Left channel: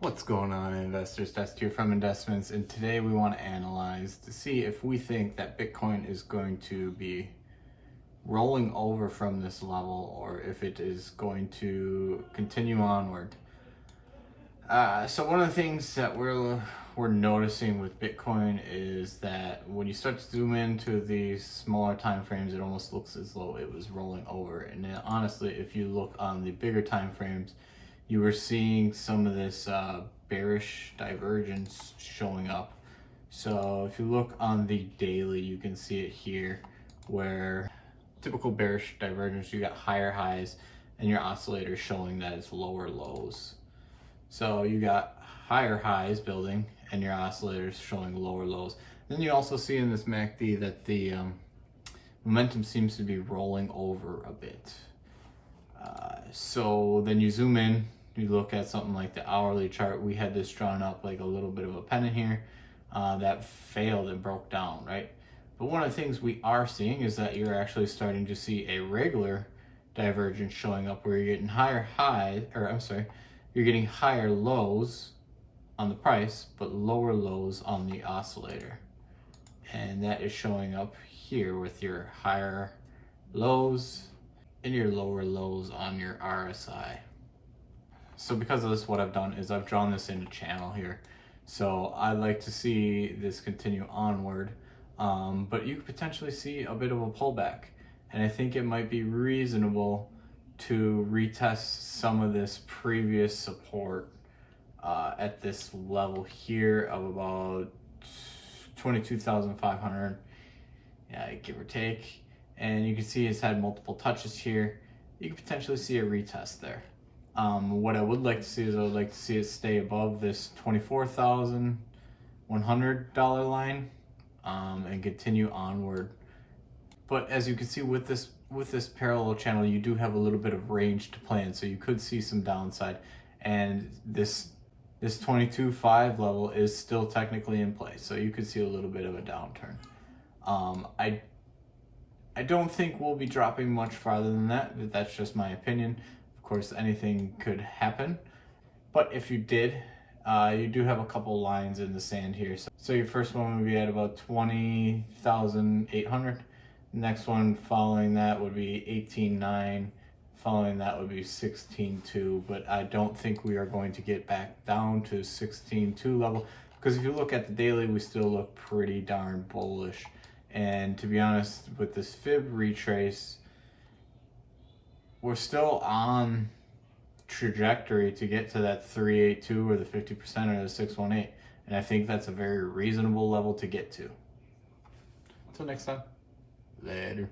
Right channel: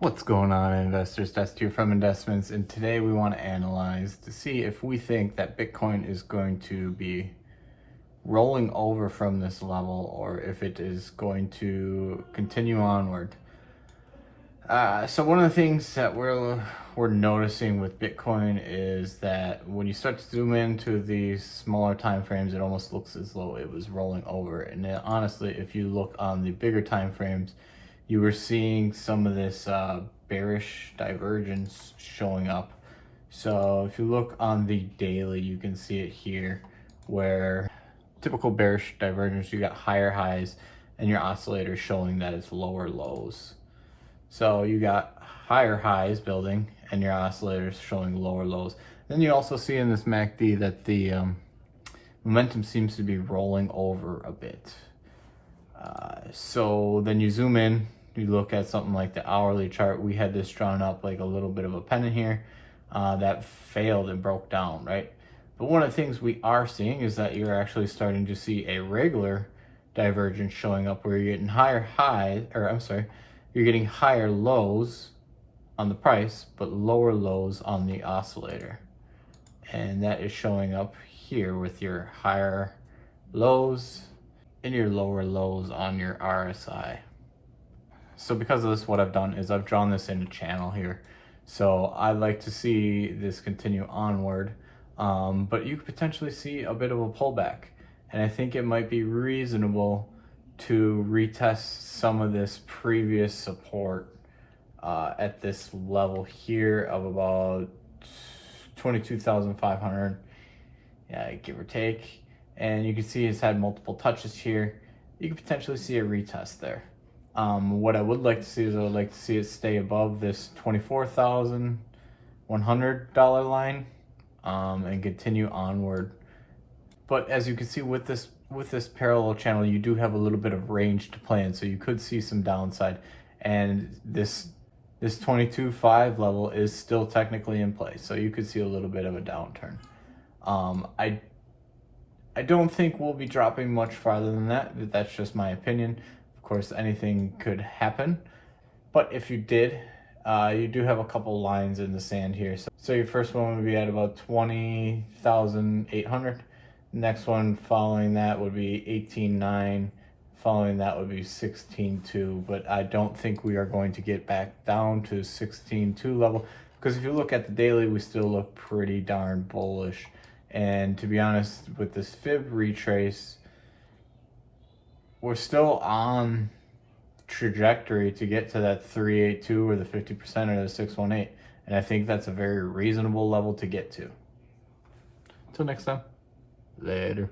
What's going on, investors? That's here from Investments, and today we want to analyze to see if we think that Bitcoin is going to be rolling over from this level or if it is going to continue onward. So one of the things that we're noticing with Bitcoin is that when you start to zoom into these smaller time frames, it almost looks as though it was rolling over. And then, honestly, if you look on the bigger time frames, you were seeing some of this bearish divergence showing up. So if you look on the daily, you can see it here, where typical bearish divergence, you got higher highs and your oscillator showing that it's lower lows. So you got higher highs building and your oscillators showing lower lows. Then you also see in this MACD that the momentum seems to be rolling over a bit. So then you zoom in, you look at something like the hourly chart. We had this drawn up like a little bit of a pennant here that failed and broke down, right? But one of the things we are seeing is that you're actually starting to see a regular divergence showing up where you're getting higher highs, or I'm sorry, you're getting higher lows on the price, but lower lows on the oscillator. And that is showing up here with your higher lows and your lower lows on your RSI. So because of this, what I've done is I've drawn this in a channel here. So I'd like to see this continue onward, but you could potentially see a bit of a pullback. And I think it might be reasonable to retest some of this previous support at this level here of about 22,500, yeah, give or take. And you can see it's had multiple touches here. You could potentially see a retest there. What I would like to see is I would like to see it stay above this $24,100 line and continue onward. But as you can see with this parallel channel, you do have a little bit of range to play in, so you could see some downside. And this 22.5 level is still technically in place, so you could see a little bit of a downturn. I don't think we'll be dropping much farther than that, but that's just my opinion. Of course, anything could happen, but if you did, you do have a couple lines in the sand here. So your first one would be at about 20,800. Next one following that would be 18.9. Following that would be 16.2, but I don't think we are going to get back down to 16.2 level, because if you look at the daily, we still look pretty darn bullish. And to be honest, with this fib retrace, we're still on trajectory to get to that 382 or the 50% or the 618, and I think that's a very reasonable level to get to. Until next time, later.